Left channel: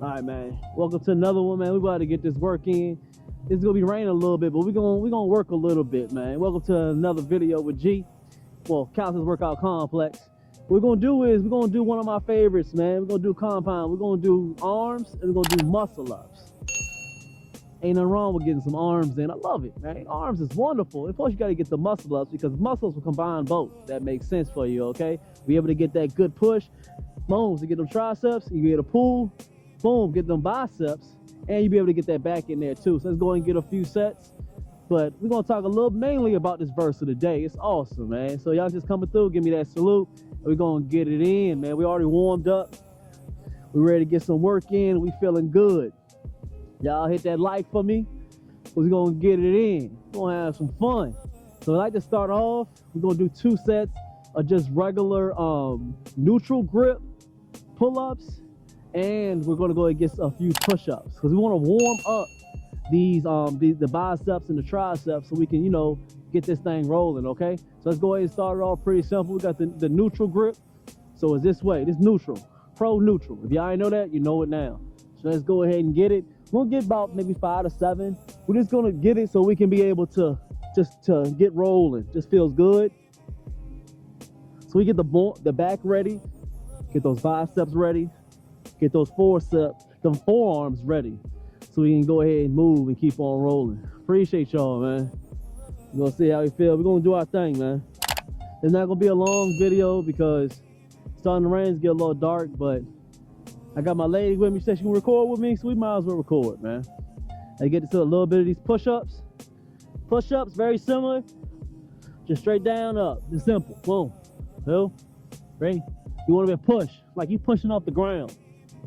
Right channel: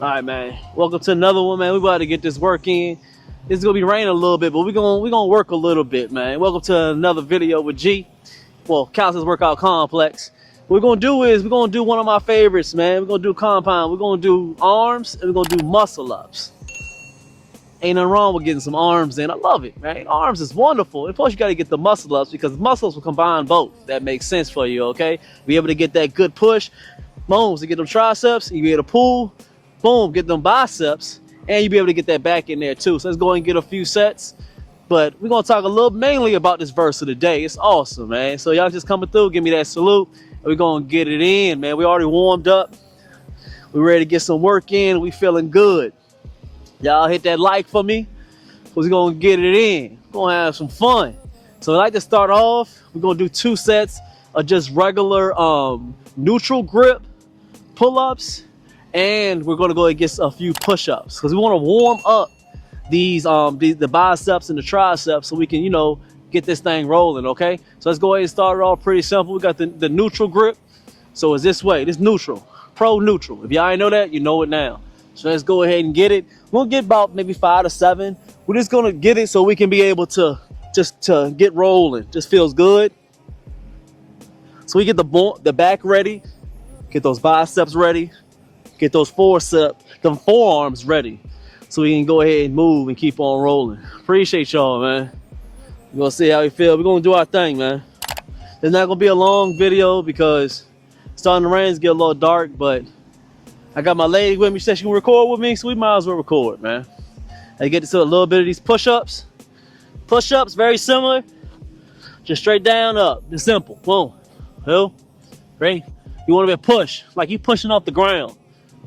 All right, man. Welcome to another one, man. We about to get this work in. It's gonna be raining a little bit, but we're gonna work a little bit, man. Welcome to another video with G. Well, Calisthenics Workout Complex. What we're gonna do is we're gonna do one of my favorites, man. We're gonna do compound. We're gonna do arms and we're gonna do muscle ups. Ain't nothing wrong with getting some arms in. I love it, man. Arms is wonderful. And plus, you gotta get the muscle ups because muscles will combine both. That makes sense for you, okay? Be able to get that good push, boom, to get them triceps. You be able to pull. Boom, get them biceps, and you'll be able to get that back in there too. So let's go and get a few sets. But we're gonna talk a little mainly about this verse of the day. It's awesome, man. So y'all just coming through, give me that salute, and we're gonna get it in, man. We already warmed up. We're ready to get some work in. We feeling good. Y'all hit that like for me. We're gonna get it in. We're gonna have some fun. So I like to start off. We're gonna do 2 sets of just regular neutral grip pull-ups. And we're gonna go and get a few push-ups because we want to warm up the biceps and the triceps so we can, you know, get this thing rolling. Okay, so let's go ahead and start it off pretty simple. We got the neutral grip, so it's this way. This neutral, pro neutral. If y'all ain't know that, you know it now. So let's go ahead and get it. We'll get about maybe 5 to 7. We're just gonna get it so we can be able to to get rolling. Just feels good. So we get the back ready, get those biceps ready. Get those forearms ready so we can go ahead and move and keep on rolling. Appreciate y'all, man. We're gonna see how we feel. We're gonna do our thing, man. It's not gonna be a long video because it's starting to rain, it's getting a little dark, but I got my lady with me. She said she can record with me, so we might as well record, man. I get to a little bit of these push-ups. Push-ups, very similar. Just straight down, up. It's simple. Boom. 2, 3. You want to be a push, like you pushing off the ground.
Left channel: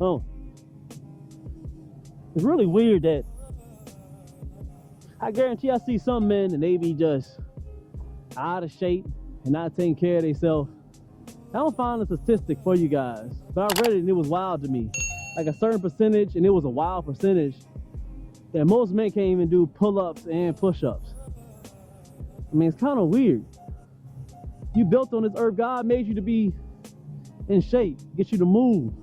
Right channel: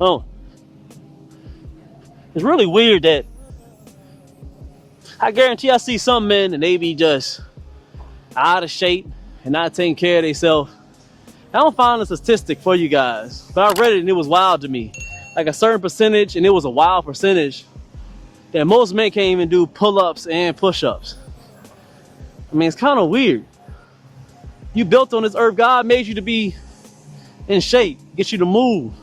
Oh, it's really weird that I guarantee I see some men and they be just out of shape and not taking care of themselves. I don't find a statistic for you guys, but I read it and it was wild to me. Like a certain percentage, and it was a wild percentage, that most men can't even do pull-ups and push-ups. I mean, it's kind of weird. You built on this earth. God made you to be in shape, get you to move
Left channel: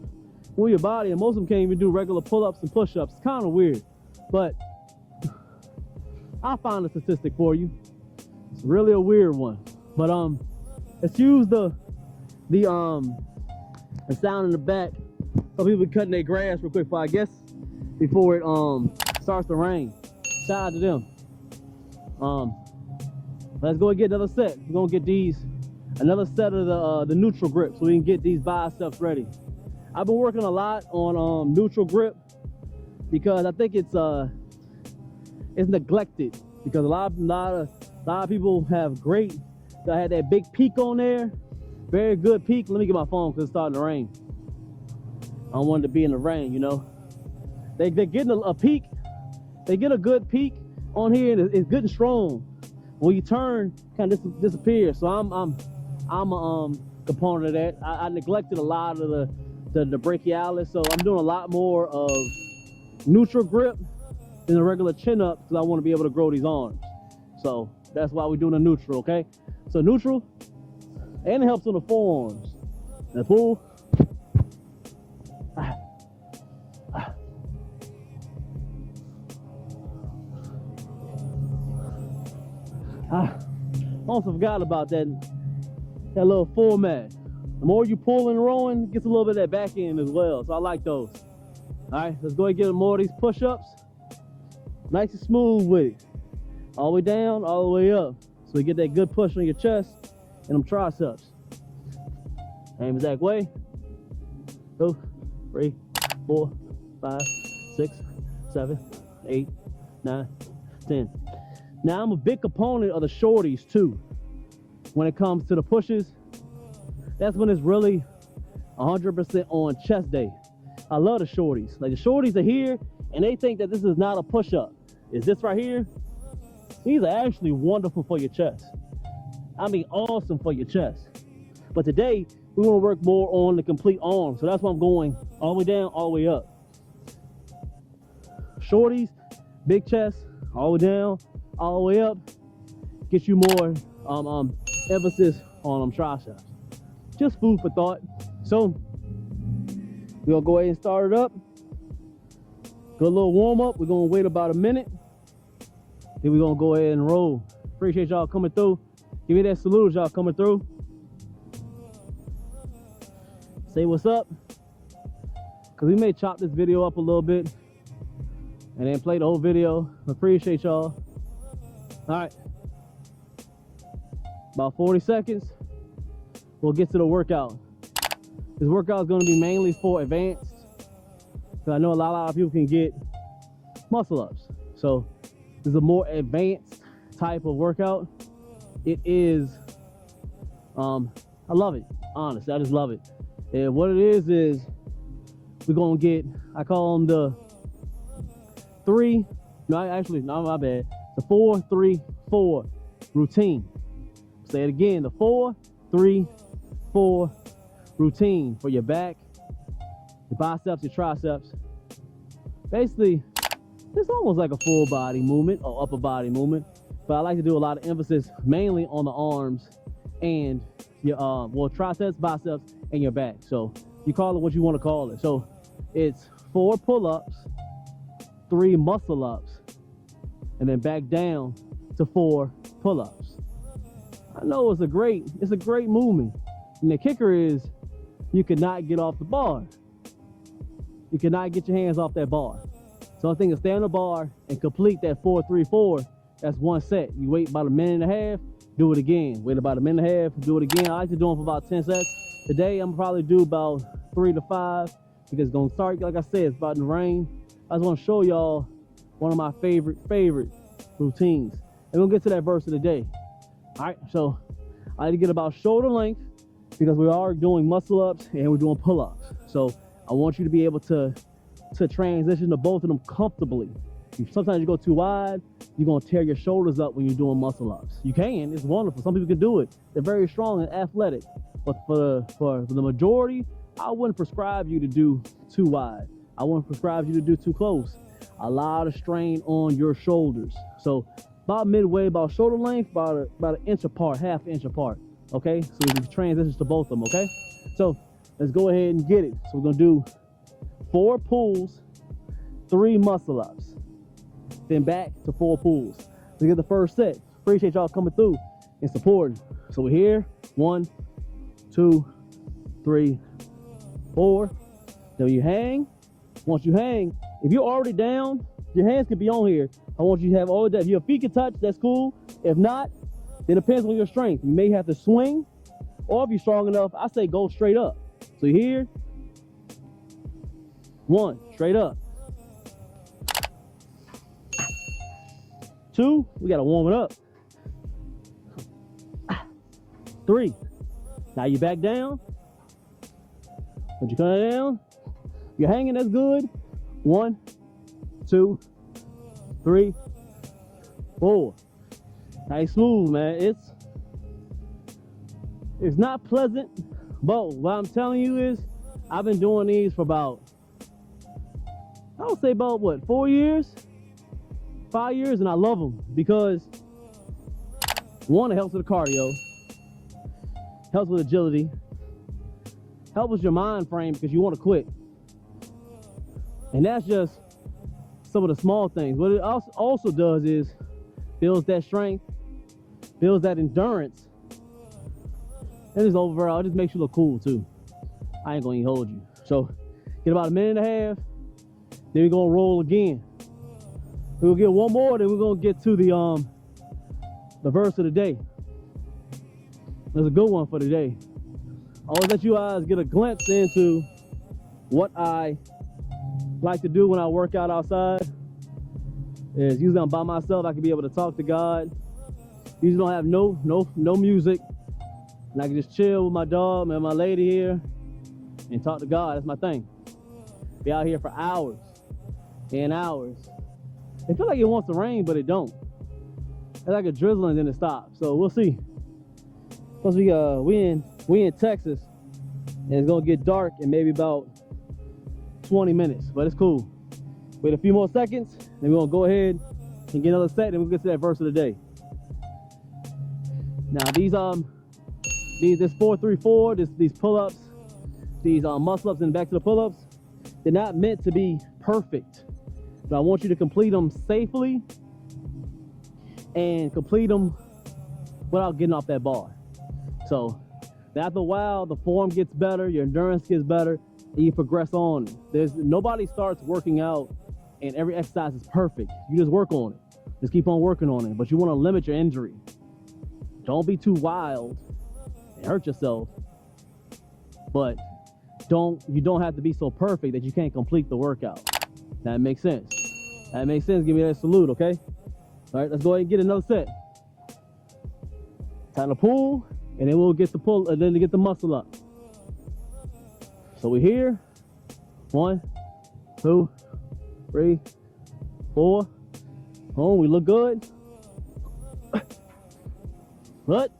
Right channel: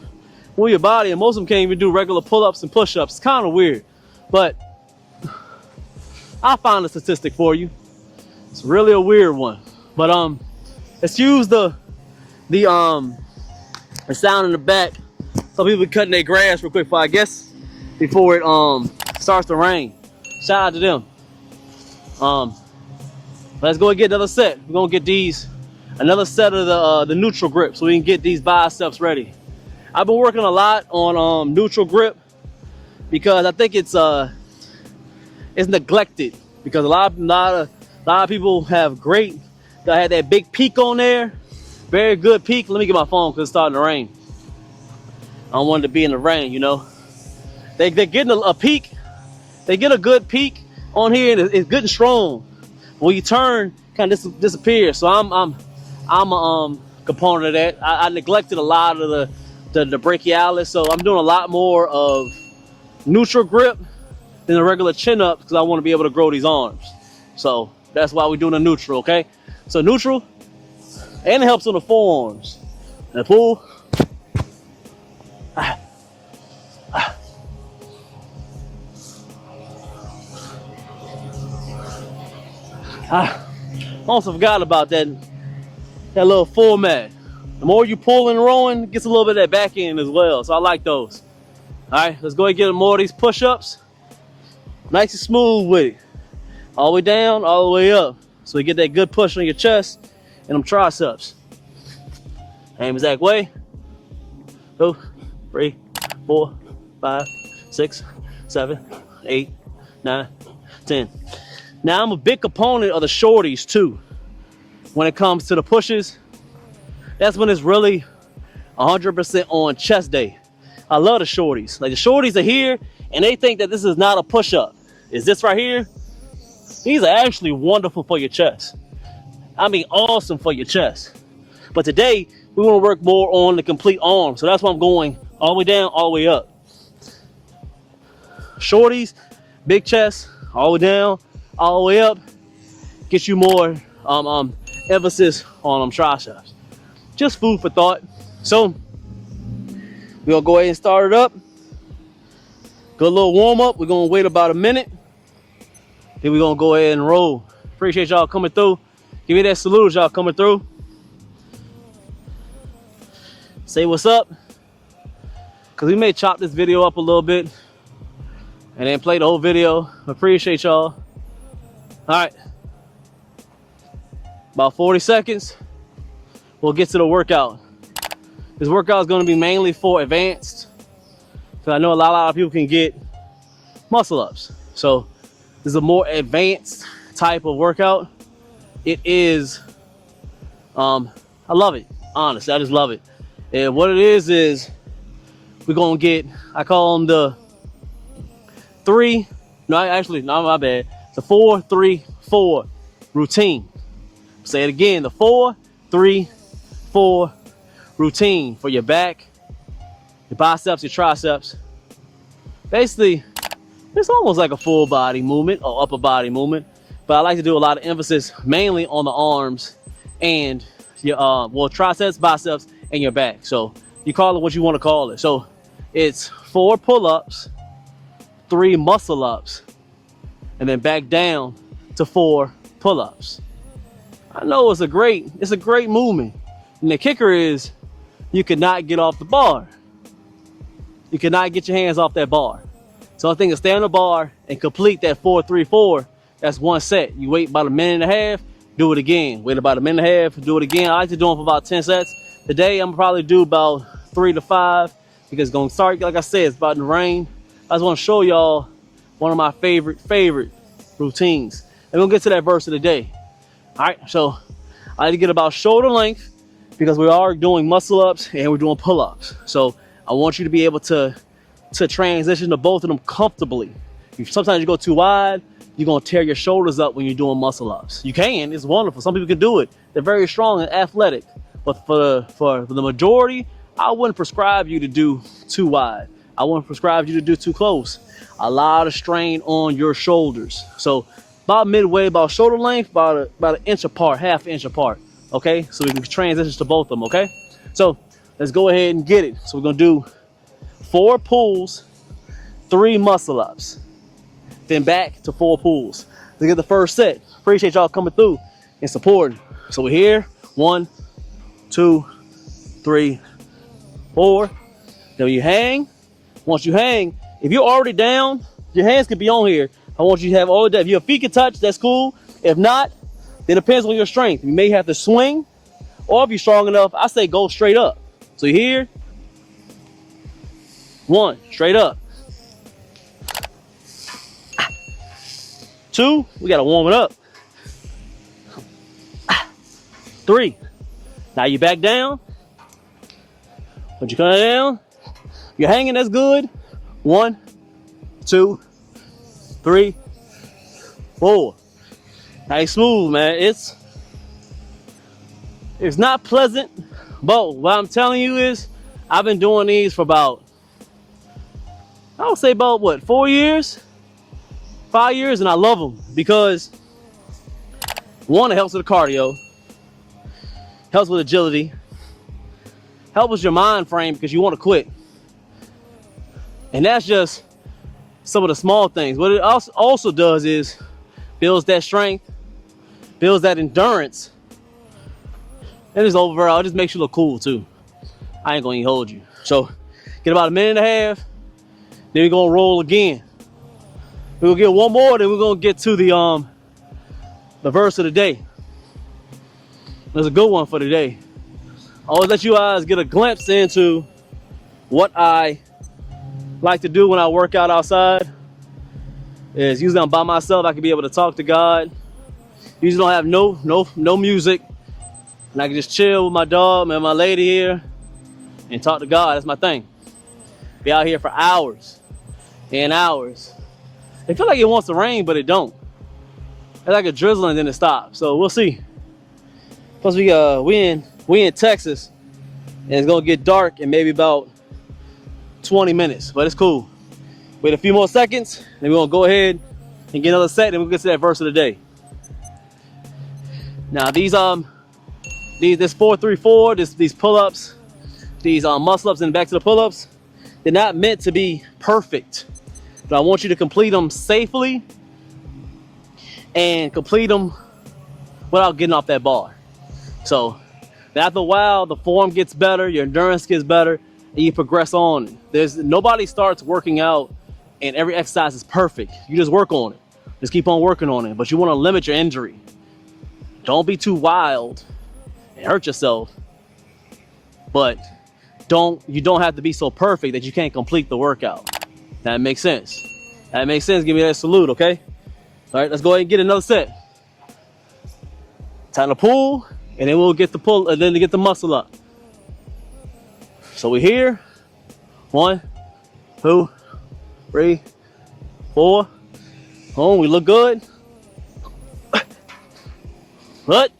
your body, and most of them can't even do regular pull-ups and push-ups. It's kind of weird, but I'll find a statistic for you. It's really a weird one, but let's use the sound in the back. Some people cutting their grass real quick before it starts to rain. Shout out to them. Let's go and get another set. We're gonna get another set of the neutral grip so we can get these biceps ready. I've been working a lot on neutral grip because I think it's neglected, because a lot of people have had that big peak on there, very good peak. Let me get my phone because it's starting to rain. I don't want it to be in the rain, you know. They're getting a peak. They get a good peak on here, and it's good and strong. When you turn, kind of disappears. So I'm a component of that. I neglected a lot of the brachialis, so I'm doing a lot more of neutral grip than a regular chin up because I want to be able to grow these arms. So that's why we're doing a neutral, okay? So neutral, and it helps on the forearms. And pull. Also forgot about that little format. The more you pull and rowing, it gets a little bit of that back end as well. So I like those. All right, let's go and get more of these push-ups. Nice and smooth with it. All the way down, all the way up. So you get that good push on your chest and them triceps. Same exact way. 2, 3, 4, 5, 6, 7, 8, 9, 10. Now I'm a big component of the shorties too. When it comes to the pushes, that's when it's really 100% on chest day. I love the shorties. Like the shorties are here and they think that this is not a push-up. Is this right here? These are actually wonderful for your chest. I mean, awesome for your chest. But today, we want to work more on the complete arm. So that's why I'm going all the way down, all the way up. Shorties, big chest, all the way down, all the way up. Get you more emphasis on triceps. Just food for thought. So we're gonna go ahead and start it up. Good little warm up. We're gonna wait about a minute. Then we're gonna go ahead and roll. Appreciate y'all coming through. Give me that salute as y'all coming through. Say what's up. Cause we may chop this video up a little bit and then play the whole video. Appreciate y'all. All right. About 40 seconds. We'll get to the workout. This workout is gonna be mainly for advanced. Cause I know a lot of people can get muscle ups. So this is a more advanced type of workout. It is, I love it. Honestly, I just love it. And what it is we're gonna get, I call them the my bad. The 4-3-4 routine. Say it again, the 4-3-4 routine for your back, your biceps, your triceps. Basically, it's almost like a full body movement or upper body movement, but I like to do a lot of emphasis mainly on the arms and your triceps, biceps, and your back. So you call it what you want to call it. So it's 4 pull-ups, 3 muscle-ups, and then back down to 4 pull-ups. I know it's a great movement. And the kicker is you cannot get off the bar. You cannot get your hands off that bar. So I think is stay on the bar and complete that 4-3-4. That's 1 set. You wait about a minute and a half, do it again. Wait about a minute and a half, do it again. I like to do them for about 10 sets. Today I'm probably do about 3 to 5 because it's gonna start, like I said, it's about to rain. I just want to show y'all one of my favorite routines. And we'll get to that verse of the day. All right, so I like to get about shoulder length because we are doing muscle ups and we're doing pull ups. So I want you to be able to transition to both of them comfortably. Sometimes you go too wide, you're gonna tear your shoulders up when you're doing muscle ups. You can, it's wonderful. Some people can do it. They're very strong and athletic. But for the majority, I wouldn't prescribe you to do too wide. I wouldn't prescribe you to do too close. A lot of strain on your shoulders. So about midway, about shoulder length, about an inch apart, half inch apart. Okay, so we can transition to both of them. Okay, so let's go ahead and get it. So we're gonna do 4 pulls, 3 muscle ups, then back to 4 pulls to get the first set. Appreciate y'all coming through and supporting. So we're here, 1, 2, 3, 4. Then you hang. Once you hang, if you're already down, your hands can be on here. I want you to have all of that. If your feet can touch, that's cool. If not, it depends on your strength. You may have to swing, or if you're strong enough, I say go straight up. So here, 1, straight up. 2, we gotta warm it up. 3, now you back down. Once you come down, you're hanging, that's good. 1, 2, 3, 4. Nice smooth, man. It's not pleasant, but what I'm telling you is I've been doing these for about, I would say about what, 4 years? 5 years, and I love them because 1, it helps with the cardio, helps with agility, helps with your mind frame because you want to quit. And that's just some of the small things. What it also does is builds that strength, builds that endurance, and it's overall, it just makes you look cool too. I ain't gonna even hold you. So get about a minute and a half, then we're gonna roll again. We're gonna get 1 more, then we're gonna get to the verse of the day. There's a good one for today. I always let you guys get a glimpse into what I like to do when I work out outside. Is usually I'm by myself. I can be able to talk to God. Usually don't have no music, and I can just chill with my dog and my lady here and talk to God. That's my thing. Be out here for hours and hours. It feels like it wants to rain, but it don't. It's like a drizzle and then it stops. So we'll see. Plus we in Texas, and it's gonna get dark in maybe about 20 minutes, but it's cool. Wait a few more seconds, and we're gonna go ahead and get another set, and we'll get to that verse of the day. Now this 4-3-4, these pull-ups, these muscle ups and back to the pull-ups, they're not meant to be perfect. but I want you to complete them safely and complete them without getting off that bar. So after a while, the form gets better, your endurance gets better, and you progress on. Nobody starts working out and every exercise is perfect. You just work on it. Just keep on working on it. But you want to limit your injury. Don't be too wild and hurt yourself. But you don't have to be so perfect that you can't complete the workout. That makes sense. That makes sense. Give me that salute, okay? All right, let's go ahead and get another set. Time to pull, and then we'll get the pull, and then to get the muscle up. So we're here. 1, 2, 3, 4. Oh, we look good. What?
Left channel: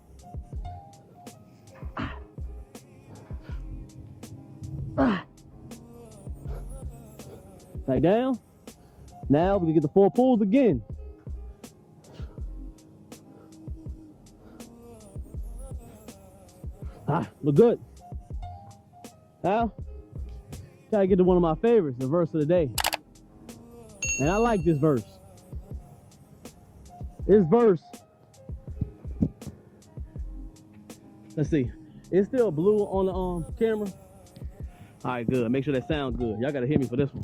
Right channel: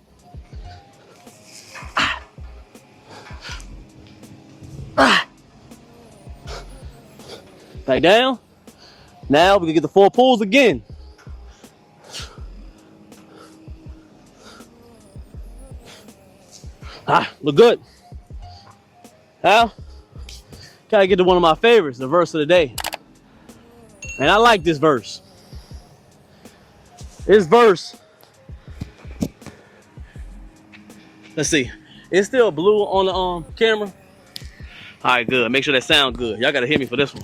Back down. Now we can get the 4 pulls again. Look good. Now, gotta get to one of my favorites, the verse of the day. And I like this verse. This verse, let's see. It's still blue on the camera. All right, good. Make sure that sounds good. Y'all gotta hear me for this one.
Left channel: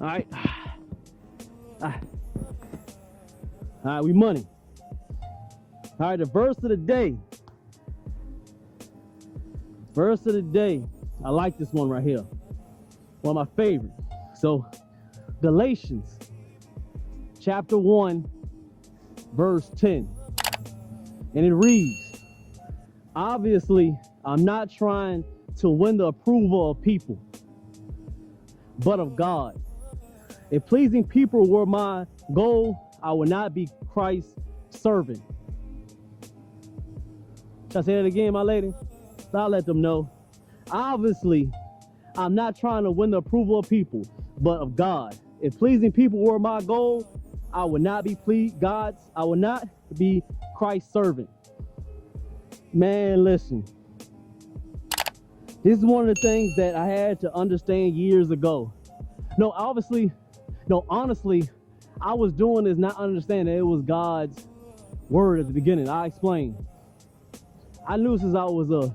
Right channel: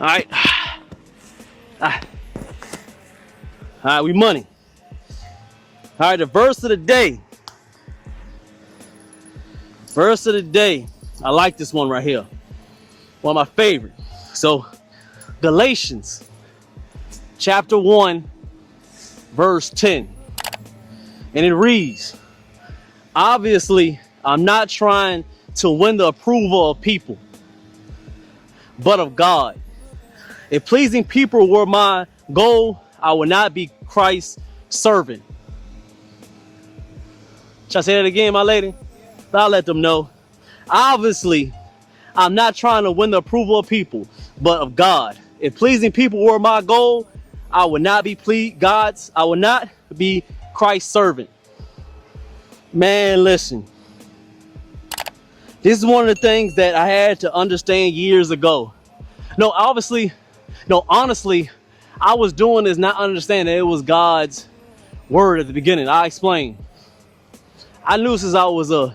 All right. All right, we money. All right, the verse of the day. Verse of the day. I like this one right here. One of my favorite. So, Galatians chapter 1, verse 10. And it reads, obviously, I'm not trying to win the approval of people, but of God. If pleasing people were my goal, I would not be Christ's servant. Should I say that again, my lady? I'll let them know. Obviously, I'm not trying to win the approval of people, but of God. If pleasing people were my goal, I would not be I would not be Christ's servant. Man, listen. This is one of the things that I had to understand years ago. Honestly, I was doing this not understanding that it was God's word at the beginning. I explained. I knew since I was a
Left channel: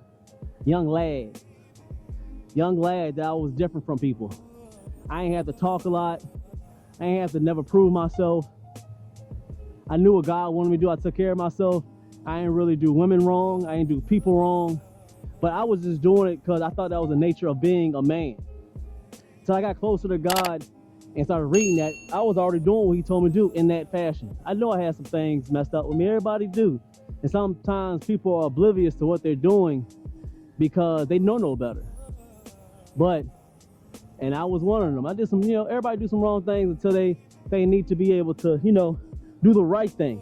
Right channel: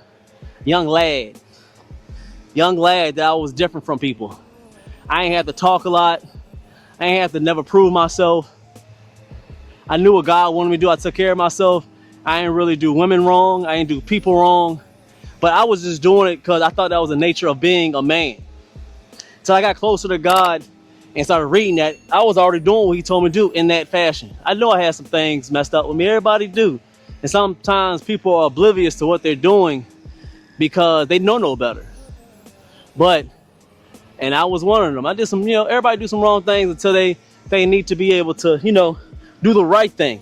young lad that I was different from people. I ain't have to talk a lot. I ain't have to never prove myself. I knew what God wanted me to do. I took care of myself. I ain't really do women wrong. I ain't do people wrong. But I was just doing it because I thought that was the nature of being a man. So I got closer to God and started reading that. I was already doing what he told me to do in that fashion. I know I had some things messed up with me. Everybody do. And sometimes people are oblivious to what they're doing because they know no better. And I was one of them. I did some, everybody do some wrong things until they need to be able to, do the right thing.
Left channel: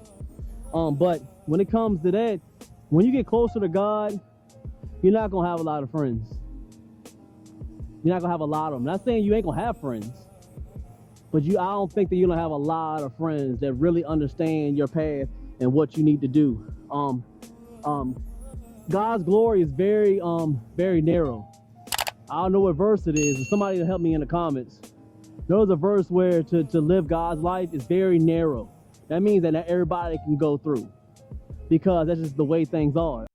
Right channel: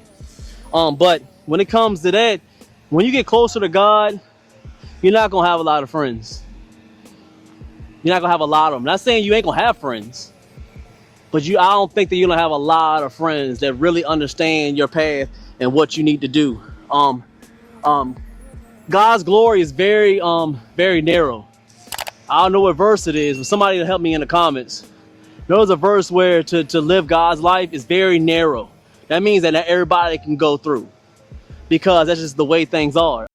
But when it comes to that, when you get closer to God, you're not gonna have a lot of friends. You're not gonna have a lot of them. Not saying you ain't gonna have friends, but I don't think that you're gonna have a lot of friends that really understand your path and what you need to do. God's glory is very narrow. I don't know what verse it is, but somebody will help me in the comments. There's a verse where to live God's life is very narrow. That means that not everybody can go through, because that's just the way things are.